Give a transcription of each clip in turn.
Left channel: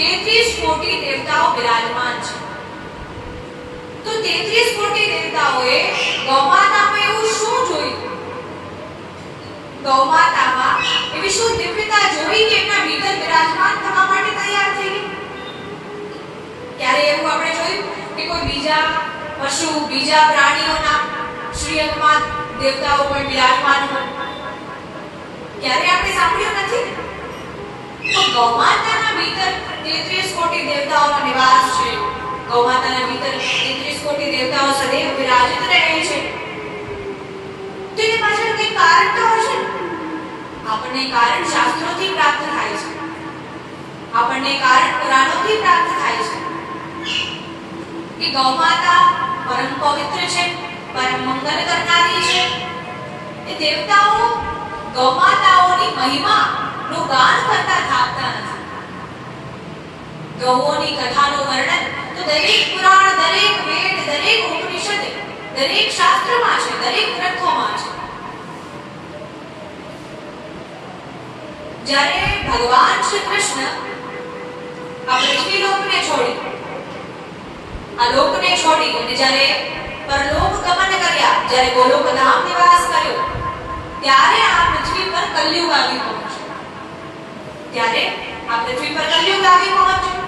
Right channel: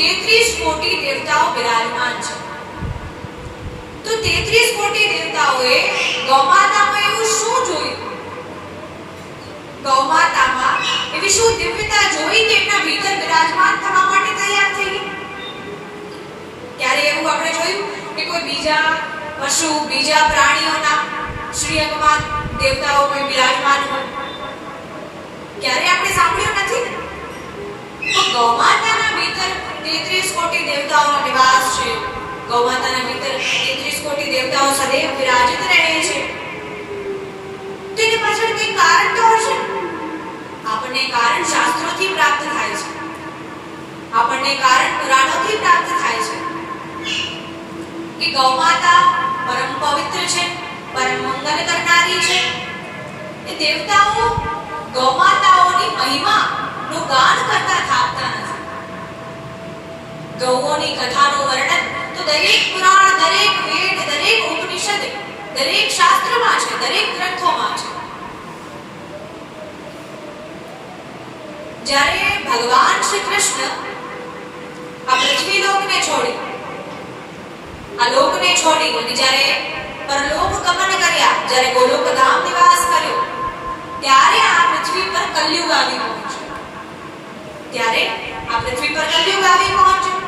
33 કોટી દેવતાઓ બિરાજમાન છે. તો 33 કોટી દેવતાઓએ ગૌમાતામાં એવું શું જોયું? ગૌમાતામાં એવી શું દિવ્યતા જોઈ કે એમના ભીતર બિરાજમાન થવા માટે તૈયાર થઈ ગઈ? ક્યારે એવું આપણે જોયું કે કોઈ બીજા પશુ, બીજા પ્રાણીઓના શ્રીઅંગમાં દેવતાઓ કોઈ બિરાજમાન હોય? ક્યારે આપણે સાંભળ્યું નથી. તો ગૌમાતાના ભીતર 33 કોટી દેવતાઓનો નિવાસ છે. ગૌમાતાના ભીતર 33 કોટી દેવતાઓ સદૈવ વિરાજિત રહે છે. તો એની પાછળ કંઈ કારણ તો હશે. આપણને કારણ શાસ્ત્રોથી પ્રાપ્ત થાય છે. આપણને કારણ પુરાણોથી પ્રાપ્ત થાય છે કે ગૌમાતા પરમ પવિત્ર છે, પરમ મંગલ કરનારી છે. એ દેવતાઓ ગૌમાતાઓની મહિમા નું ગાન કરતા થાકતા નથી. ગૌઓની કથાનું વર્ણન તો દરેક પુરાણ, દરેક વેદ, દરેક ઉપનિષદ, દરેક શાસ્ત્રમાં છે, દરેક ગ્રંથોમાં છે. જ્યારે ભગવાન શ્રી કૃષ્ણ આ પૃથ્વી લોકને છોડી, આ લોકને છોડી અને જ્યારે પરલોક ગમન કર્યા, જ્યારે ગોલોક ધામ નિવાસ કર્યો, ત્યારે આ પૃથ્વી પર કલયુગ આવી પહોંચ્યો. ત્યારે આ પૃથ્વી પર કલયુગ આવી પહોંચ્યો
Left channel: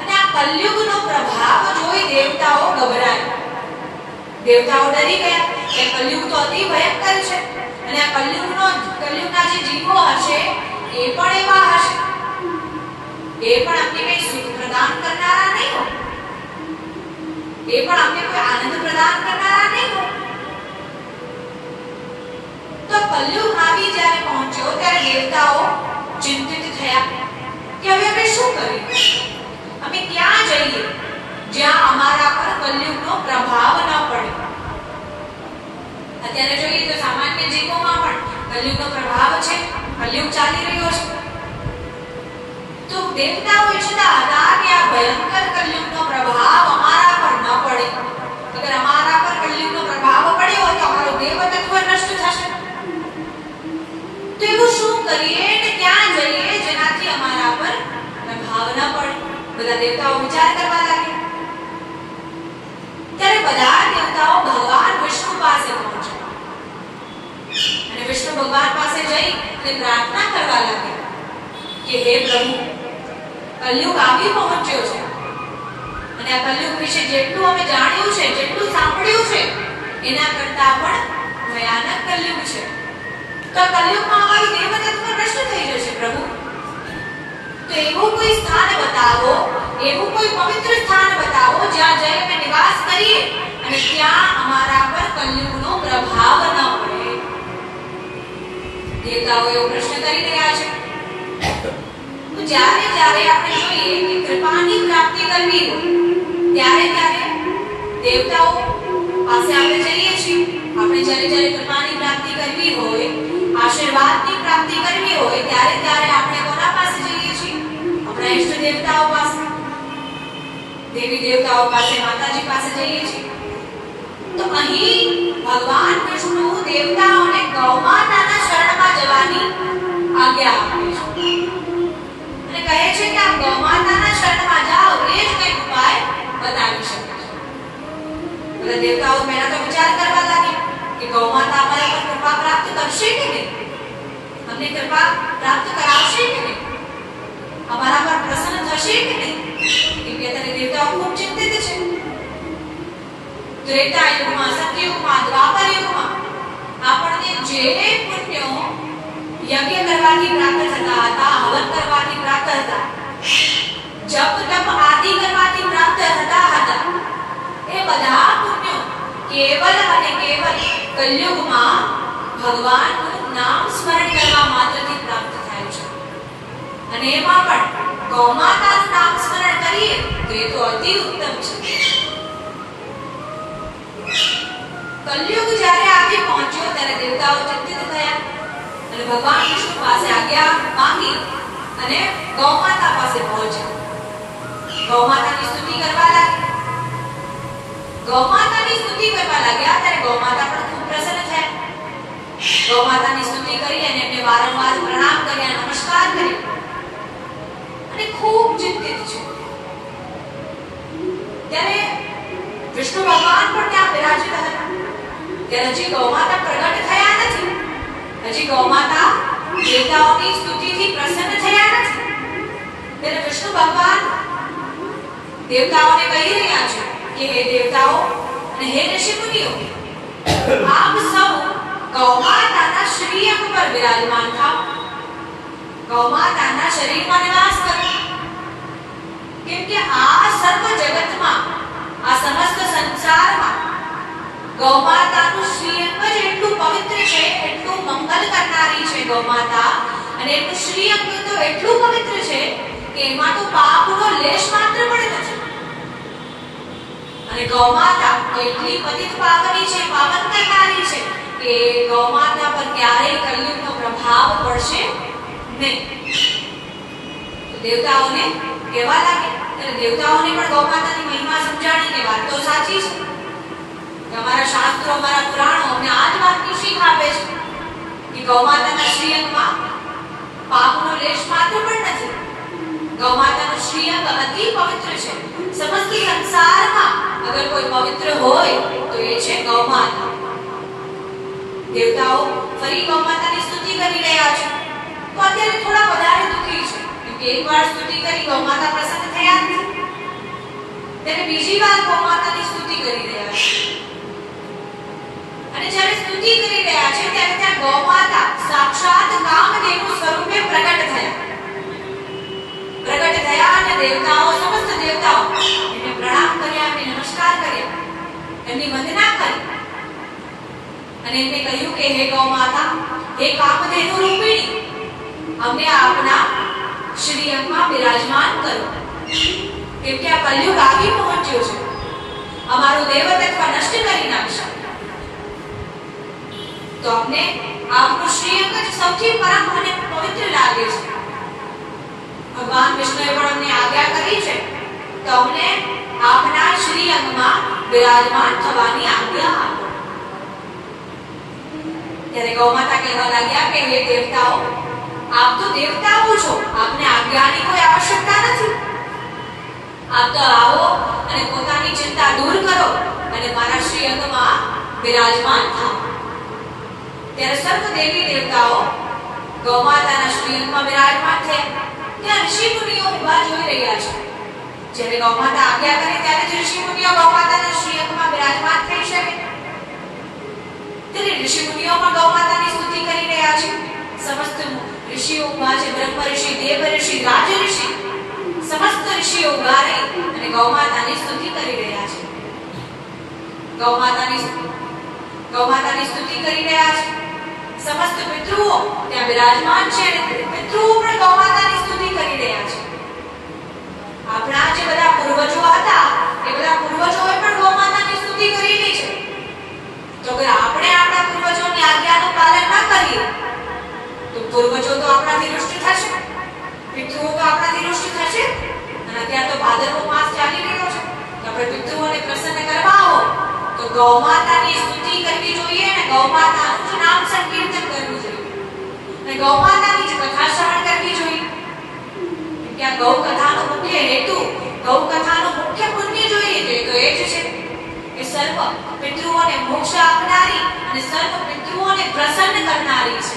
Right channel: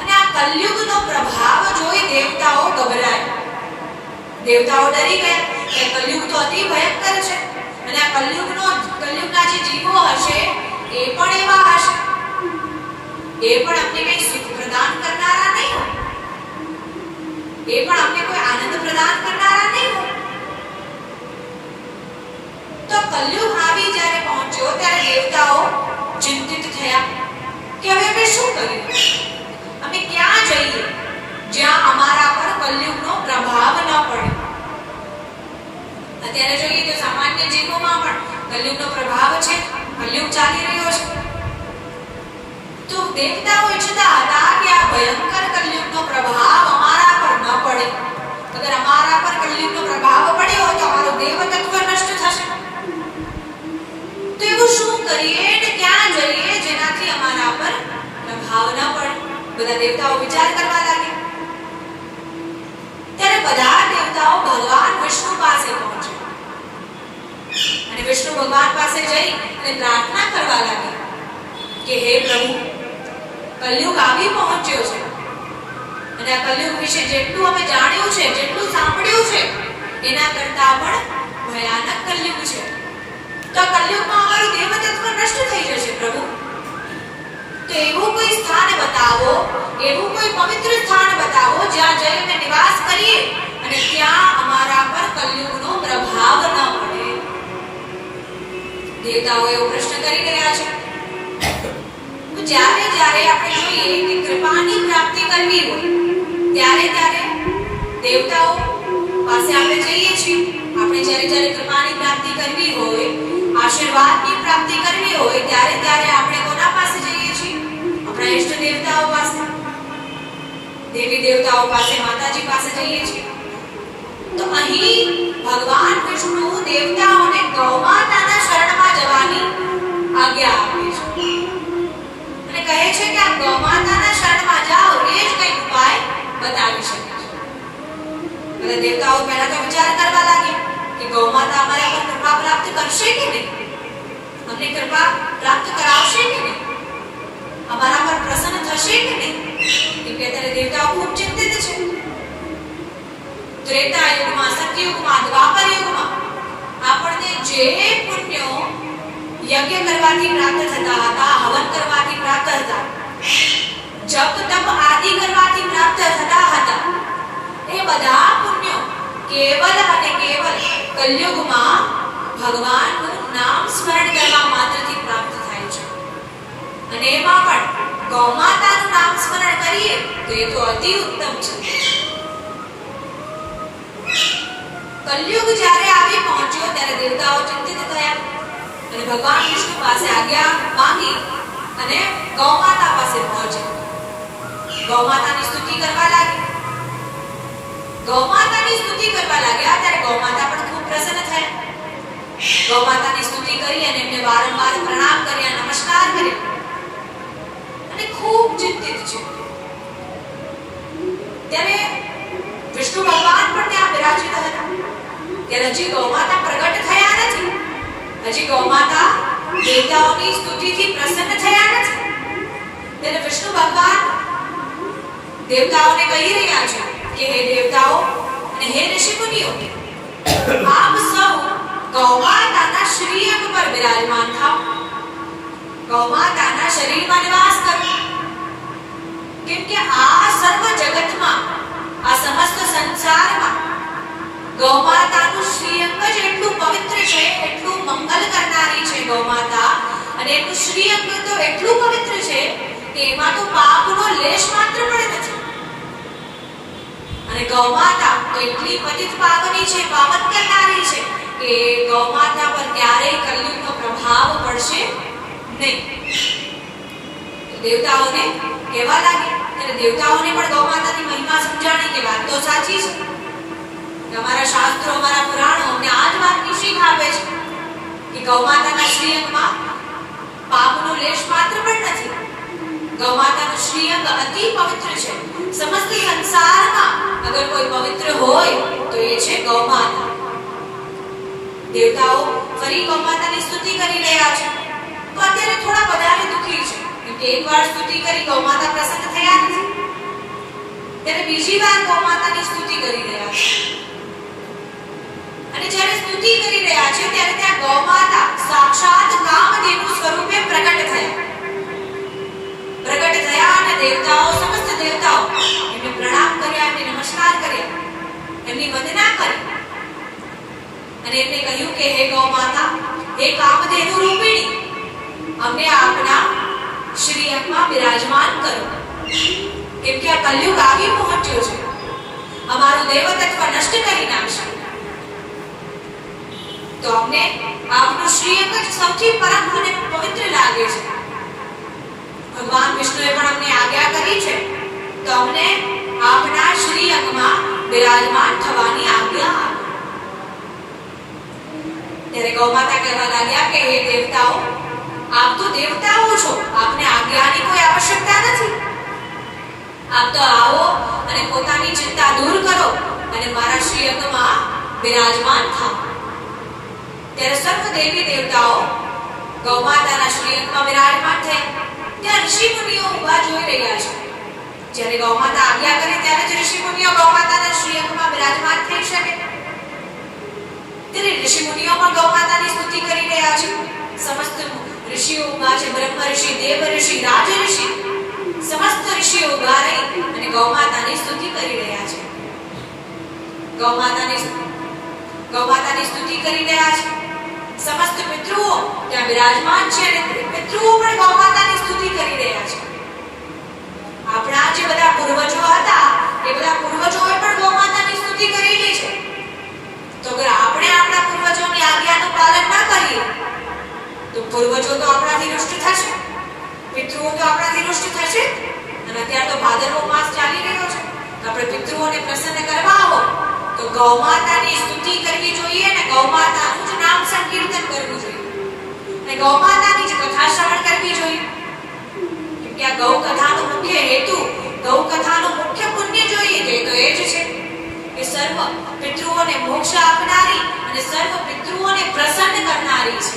અને આ કલયુગનો પ્રભાવ જોઈ દેવતાઓ ગભરાયા. દેવતાઓ ડરી ગયા કે કલયુગ તો અતિ ભયંકર છે અને આ કલયુગના જે જીવો હશે એ પણ એવા હશે, એ પણ અમને કઈ સુખ પ્રદાન કરનારા નહીં હોય, એ પણ અમને કોઈ આનંદ પ્રદાન કરનારા નહીં હોય. તો કલયુગ આવી જ્યારે પહોંચ્યો ત્યારે દેવતાઓ ચિંતિત થયા કે હવે આપણે શું કરીએ? અમે ક્યાં જઈએ જ્યાં અમારા પર કલયુગનો પ્રભાવ ન પડે? અત્યારે જોઈએ તો સામાન્ય જીવોમાં પણ કલયુગનો પ્રભાવ છે, કલયુગ ચાલી રહ્યો છે. તો દેવતાઓ ઈચ્છતા હતા કે આ ભયંકર કલયુગનો પ્રભાવ અમારા પર ન પડે. અગર અમારા પર કલયુગનો પ્રભાવ પડ્યો તો અમારું દેવતત્વ નષ્ટ થશે. તો એવું શું કરીએ ને ક્યાં જઈએ જેનાથી અમારા પર પ્રભાવ ન પડે? બધા દેવતાઓ વિચાર કરવા લાગ્યા. ત્યારે બધા દેવતાઓ ભગવાન વિષ્ણુ પાસે પહોંચ્યા અને વિષ્ણુ ભગવાન પાસે જઈ અને પ્રાર્થના કરવા લાગ્યા કે હે પ્રભુ, કલયુગ આવી પહોંચ્યો છે અને આ કલયુગ વિશે જેટલું અમે જાણ્યું છે, જેટલું સાંભળ્યું છે, એના કરતા પણ ભયાનક કલયુગ છે. તો કલયુગમાં અમારું દેવતત્વ નષ્ટ થઈ જશે પ્રભુ. તો એવું કોઈ સ્થાન બતાવો, એવું કોઈ પવિત્ર સ્થાન બતાવો જ્યાં જઈને નિવાસ કરીએ અને ત્યાં અમારા પર કલયુગનો પ્રભાવ ન પડે. દેવતાઓ એવો પ્રશ્ન કરી રહ્યા છે. તો જ્યારે જ્યારે આપણે જોઈએ કે કૃપાની પ્રાપ્તિ કરવી હોય ત્યારે દેવતાઓ પાસે આપણે જઈએ છીએ. આપણે જ્યારે કૃપાની પ્રાપ્તિ કરવી હોય, આશીર્વાદની પ્રાપ્તિ કરવી હોય ત્યારે આપણે કોના પાસે જઈએ છીએ? આપણા ઈષ્ટ દેવતાઓ પાસે, દેવી દેવતાઓ પાસે, માતાજી પાસે જઈએ છીએ. તો અહીં ભગવાન વિષ્ણુ દેવતાઓને ગૌમાતાના શરણમાં જવાની આજ્ઞા આપે છે અને કહે છે કે આ ગૌમાતાના શરણમાં જાઓ, એ જ કંઈક ઉપાય બતાવી શકે છે. બધા દેવતાઓ પહેલા તો વિચાર કરવા લાગ્યા કે ગૌમાતા અમારા પર કૃપા પ્રાપ્ત કરશે કે નહીં, અમને કૃપા પ્રાપ્ત કરાવશે કે નહીં, અમારા પર પ્રસન્ન થશે કે નહીં. કેમ કે અત્યારે દેવતાઓ ખૂબ ચિંતિત છે. ત્રેતા યુગમાં, સતયુગમાં, દ્વાપર યુગમાં આપણને જે પુણ્યો યજ્ઞ કરવાથી પ્રાપ્ત થતા હતા, હવન કરવાથી પ્રાપ્ત હતા, જપ તપ આદિ કરવાથી પ્રાપ્ત થતા હતા, એ બધા પુણ્યો કેવલ અને કેવલ કલયુગમાં ભગવાનનું નામ સ્મરણ કરવા માત્રથી પ્રાપ્ત થાય છે. અને એમાં પણ ગૌમાતાનું નામ સ્મરણ કરીએ તો એ તો અતિ ઉત્તમ છે. કલયુગ જ્યારે આવી પહોંચ્યો ત્યારે દેવતાઓ ચિંતિત થયા અને ભગવાન વિષ્ણુ પાસે આજ્ઞા માંગી અને ગૌમાતા પાસે પહોંચ્યા. ગૌમાતાની સ્તુતિ કરવા લાગ્યા. ગૌમાતાની સ્તુતિ કરવા લાગ્યા ત્યારે ગૌમાતા પણ ખૂબ પ્રસન્ન થયા. ગૌમાતાની સ્તુતિ કરી અને એમને વારંવાર પ્રણામ કર્યા, નમસ્કાર કર્યા અને તે ખૂબ ચિંતિત છે. ત્યારે વિષ્ણુ ભગવાન પણ ત્યાં બિરાજિત હતા. ત્યારે હજી ગૌમાતા પ્રગટ થયા નથી. હજી ગૌમાતા દેવતાઓની સ્તુતિથી પ્રસન્ન થયા નથી. ત્યારે વિષ્ણુ ભગવાન દેવતાઓને કહી રહ્યા છે કે હે દેવતાઓ અને હે ઋષિમુનિઓ, આપ સૌ ગૌમાતાના શ્રીઅંગ પર બિરાજમાન થાઓ. ગૌમાતાના શરીરમાં નિવાસ કરો. કેમ કે આ સર્વ જગતમાં, આ સમસ્ત સંસારમાં ગૌમાતાનું શ્રીઅંગ જ એટલું પવિત્ર છે, એટલું મંગલ કરનારી છે ગૌમાતા, અને એનું શ્રીઅંગ તો એટલું પવિત્ર છે કે એમાં તો પાપનો લેશ માત્ર પણ નથી. અને ગૌમાતા એટલી પતિત પાવની છે, પાવન કરનારી છે કે ગૌમાતા પર ક્યારેય કલયુગનો પ્રભાવ પડશે નહીં. દેવતાઓને કહેવા લાગે, ત્યારે દેવતાઓને પણ ગૌમાતાની મહિમા સમજાણી કે વાત તો સાચી છે. અમારા શાસ્ત્રો, અમારા પુરાણો અમને આ જ વાતની શીખ આપે છે કે ગૌમાતાના શ્રીઅંગમાં પાપનો લેશ માત્ર પણ નથી. ગૌમાતાનું શ્રીઅંગ અતિ પવિત્ર છે. સમસ્ત સંસારમાં અગર કોઈ પવિત્ર હોય તો એ છે ગૌમાતા. દેવતાઓ ફરી ગૌમાતાની સ્તુતિ કરી રહ્યા છે. તો અત્યારે થોડા વધારે દુઃખી છે, કેમ કે એકવાર સ્તુતિ કરી ગૌમાતા પ્રસન્ન થયા નથી. ત્યારે બીજી વાર ગૌમાતાની સ્તુતિ કરી રહ્યા છે. અને જ્યારે સ્તુતિ કરી રહ્યા છે ત્યારે ત્યાં ગૌમાતા સાક્ષાત કામદેવ સ્વરૂપે પ્રગટ થયા અને દેવતાઓ, સમસ્ત દેવતાઓ એમને પ્રણામ કર્યા, એમને નમસ્કાર કર્યા, એમની વંદના કરી અને એમને કહ્યું કે હે ગૌમાતા, હે કામદેવ રૂપિણી, અમને આપના શ્રીઅંગમાં બિરાજમાન કરો. કેમ કે આ કલયુગ આવી પહોંચ્યો છે, અમારું દેવતત્વ નષ્ટ કરી નાખશે. તો અમને આપનું શ્રીઅંગ જ સૌથી પરમ અને પવિત્ર લાગે છે. ભગવાન વિષ્ણુએ પણ અમને આજ્ઞા કરી છે તો અમને આપના શ્રીઅંગમાં બિરાજમાન થવાની આજ્ઞા આપો. ત્યારે ગૌમાતા કહેવા લાગ્યા કે હે દેવતાઓ, આપ તો દેવતાઓ છો, આપને આજ્ઞાની કોઈ આવશ્યકતા નથી. આપ તો આવો અને પોતાની ચિંતા દૂર કરો અને મારા શ્રીઅંગમાં બિરાજમાન થાઓ. ત્યારે સર્વ દેવી દેવતાઓ ગૌમાતાના શ્રીઅંગમાં બિરાજમાન થયા. ત્યાં ઋષિ મુનિઓ ઊભા જોઈ રહ્યા છે. જ્યારે ગૌમાતા આજ્ઞા કરે ત્યારે જ ઋષિ મુનિઓ ગૌમાતાના શ્રીઅંગમાં બિરાજમાન થઈ શકે. ત્યારે ઋષિ મુનિઓ પણ ગૌમાતાની સ્તુતિ કરી રહ્યા છે. સમસ્ત ઋષિઓ ઊભા છે. બ્રહ્મ ઋષિ, દેવ ઋષિ, રાજ ઋષિ, સમસ્ત ઋષિઓ ઊભા રહી અને ગૌમાતાની સ્તુતિ કરી રહ્યા છે. ગૌમાતાની સ્તુતિ કરી રહ્યા છે. સમસ્ત પિતૃઓ ત્યાં બિરાજમાન છે અને પિતૃઓ પણ ગૌમાતાની સ્તુતિ કરી રહ્યા છે. આપણા જે બધા પૂર્વજો હતા એ બધા પૂર્વજોએ પણ ગૌમાતાની સ્તુતિ કરેલી છે. તો અગર આપણે આપણા પૂર્વજોની આજ્ઞાનું પાલન ના કરીએ તો પૂર્વજો તો આપણાથી રુષ્ટ થશે, પિતૃઓ તો આપણાથી રુષ્ટ થશે. અને અત્યારે તો ભાદરવો માસ ચાલી રહ્યો છે, તો આપણે પિતૃઓને પ્રસન્ન કરવા આવો તો ગૌમાતાની સ્તુતિ કરવી જોઈએ અને ગૌમાતાનું જ નામ સંકીર્તન કરવું જોઈએ અને ગૌમાતાની જ કથા શ્રવણ કરવી જોઈએ. કેમ કે આ ગૌ કથાનો મુખ્ય હેતુ, ગૌ કથાનું મુખ્ય પુણ્ય જોઈએ તો એ જ છે કે સર્વ પિતૃઓને મોક્ષ આપનારી અને સર્વ પિતૃઓને પ્રસન્ન કરનારી છે.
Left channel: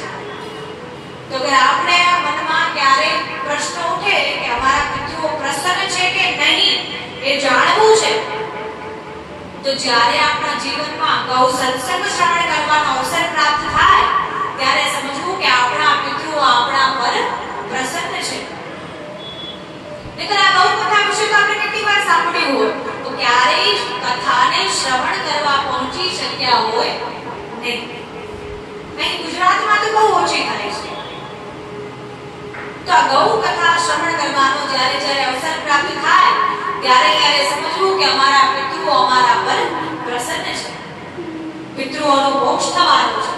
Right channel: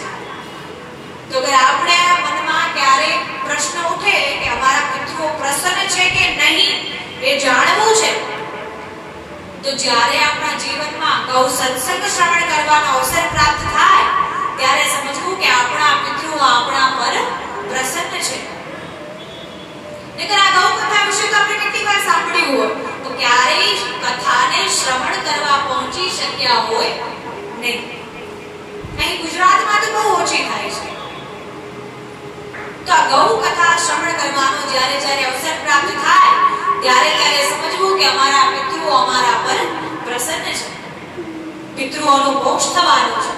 તો અગર આપણે મનમાં ક્યારે પ્રશ્ન ઉઠે કે અમારા પિતૃઓ પ્રસન્ન છે કે નહીં એ જાણવું છે, તો જ્યારે આપણા જીવનમાં ગૌ સત્સંગ શ્રવણ કરવાનો અવસર પ્રાપ્ત થાય ત્યારે સમજવું કે આપણા પિતૃઓ આપણા પર પ્રસન્ન છે. નહીંતર આ ગૌ કથા વિશે તો આપણે કેટલી વાર સાંભળ્યું હોય તો ક્યારેય કથાને શ્રવણ કરવા પહોંચી શક્યા હોય નહીં. અહીં ગુજરાતમાં તો બહુ ઓછી થાય છે. તો આ ગૌ કથા શ્રવણ કરવાનો જ્યારે અવસર પ્રાપ્ત થાય ત્યારે સમજવું કે અમારા પિતૃઓ અમારા પર પ્રસન્ન છે, પિતૃઓનો મોક્ષ થવાનો છે.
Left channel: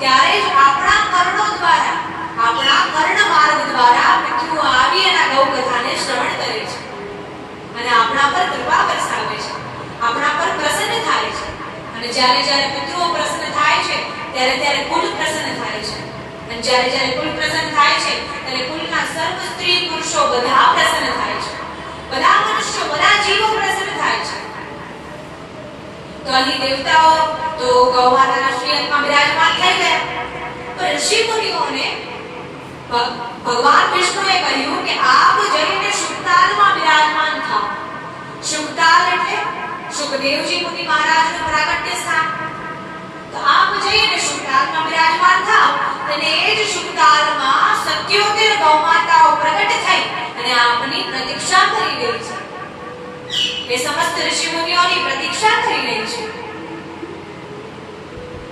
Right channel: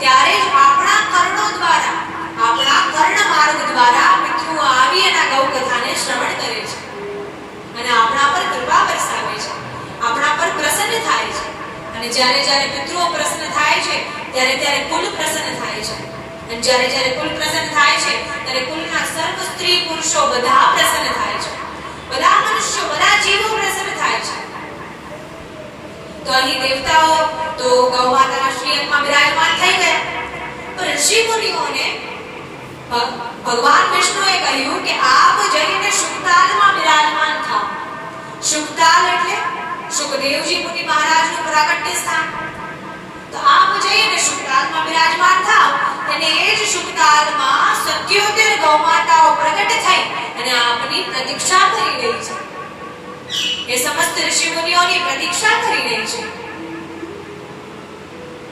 ત્યારે જ આપણા કર્ણો દ્વારા, આપણા કર્ણ માર્ગ દ્વારા પિતૃઓ આવી અને ગૌ કથાને શ્રવણ કરે છે અને આપણા પર કૃપા વરસાવે છે, આપણા પર પ્રસન્ન થાય છે. અને જ્યારે પિતૃઓ પ્રસન્ન થાય છે ત્યારે કુલ પ્રસન્ન થાય છે. અને જ્યારે કુલ પ્રસન્ન થાય છે ત્યારે કુલના સર્વ સ્ત્રી પુરુષો મનુષ્યો બધા પ્રસન્ન થાય છે, બધા મનુષ્યો, બધા જીવો પ્રસન્ન થાય છે. તો અહીં દેવતાઓ તો ગૌ માતાના શ્રીઅંગમાં બિરાજમાન થઈ ગયા. તો ઋષિ મુનિઓને ભગવાન વિષ્ણુએ કહ્યું કે આપ જઈને શુકતાલમાં બિરાજમાન થાઓ. શુકતાલ એટલે સુખદેવજી મુનિ મહારાજનું પ્રાગટ્ય સ્થાન. તો આપ જઈને શુકતાલમાં બિરાજમાન થાઓ અને એ જ શુકતાલમાં 77 ગૌ માતાઓ પ્રગટ થઈ અને આપની પ્રતીક્ષા કરી રહી છે. એ સમસ્ત ઋષિ મુનિઓની પ્રતીક્ષા કરી રહી છે.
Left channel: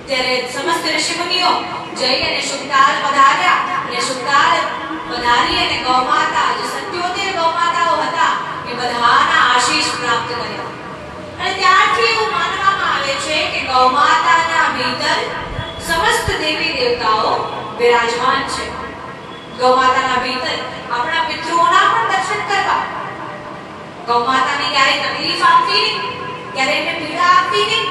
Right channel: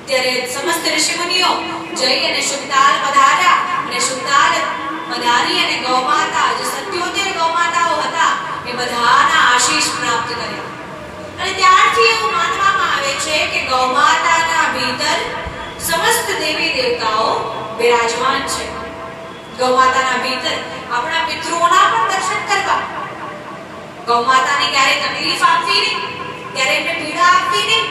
ત્યારે સમસ્ત ઋષિ મુનિઓ જઈને શુકતાલ પધાર્યા અને શુકતાલ પધારી અને ગૌ માતા જે 77 ગૌ માતાઓ હતા એ બધાના આશીષ પ્રાપ્ત કર્યા. અને ત્યારથી એવું માનવામાં આવે છે કે ગૌ માતાના ભીતર સમસ્ત દેવી દેવતાઓ બિરાજમાન છે. ગૌ માતાના ભીતર આપણા પિતૃઓના પણ દર્શન કરવા. ગૌ માતાને ક્યારે તકલીફ આપતી નહીં, ક્યારે એમને પીડા આપતી નહીં.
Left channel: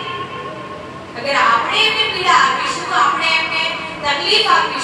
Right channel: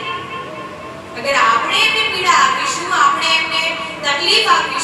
અગર આપણે એમને પીડા આપીશું, આપણે એમને તકલીફ આપીશું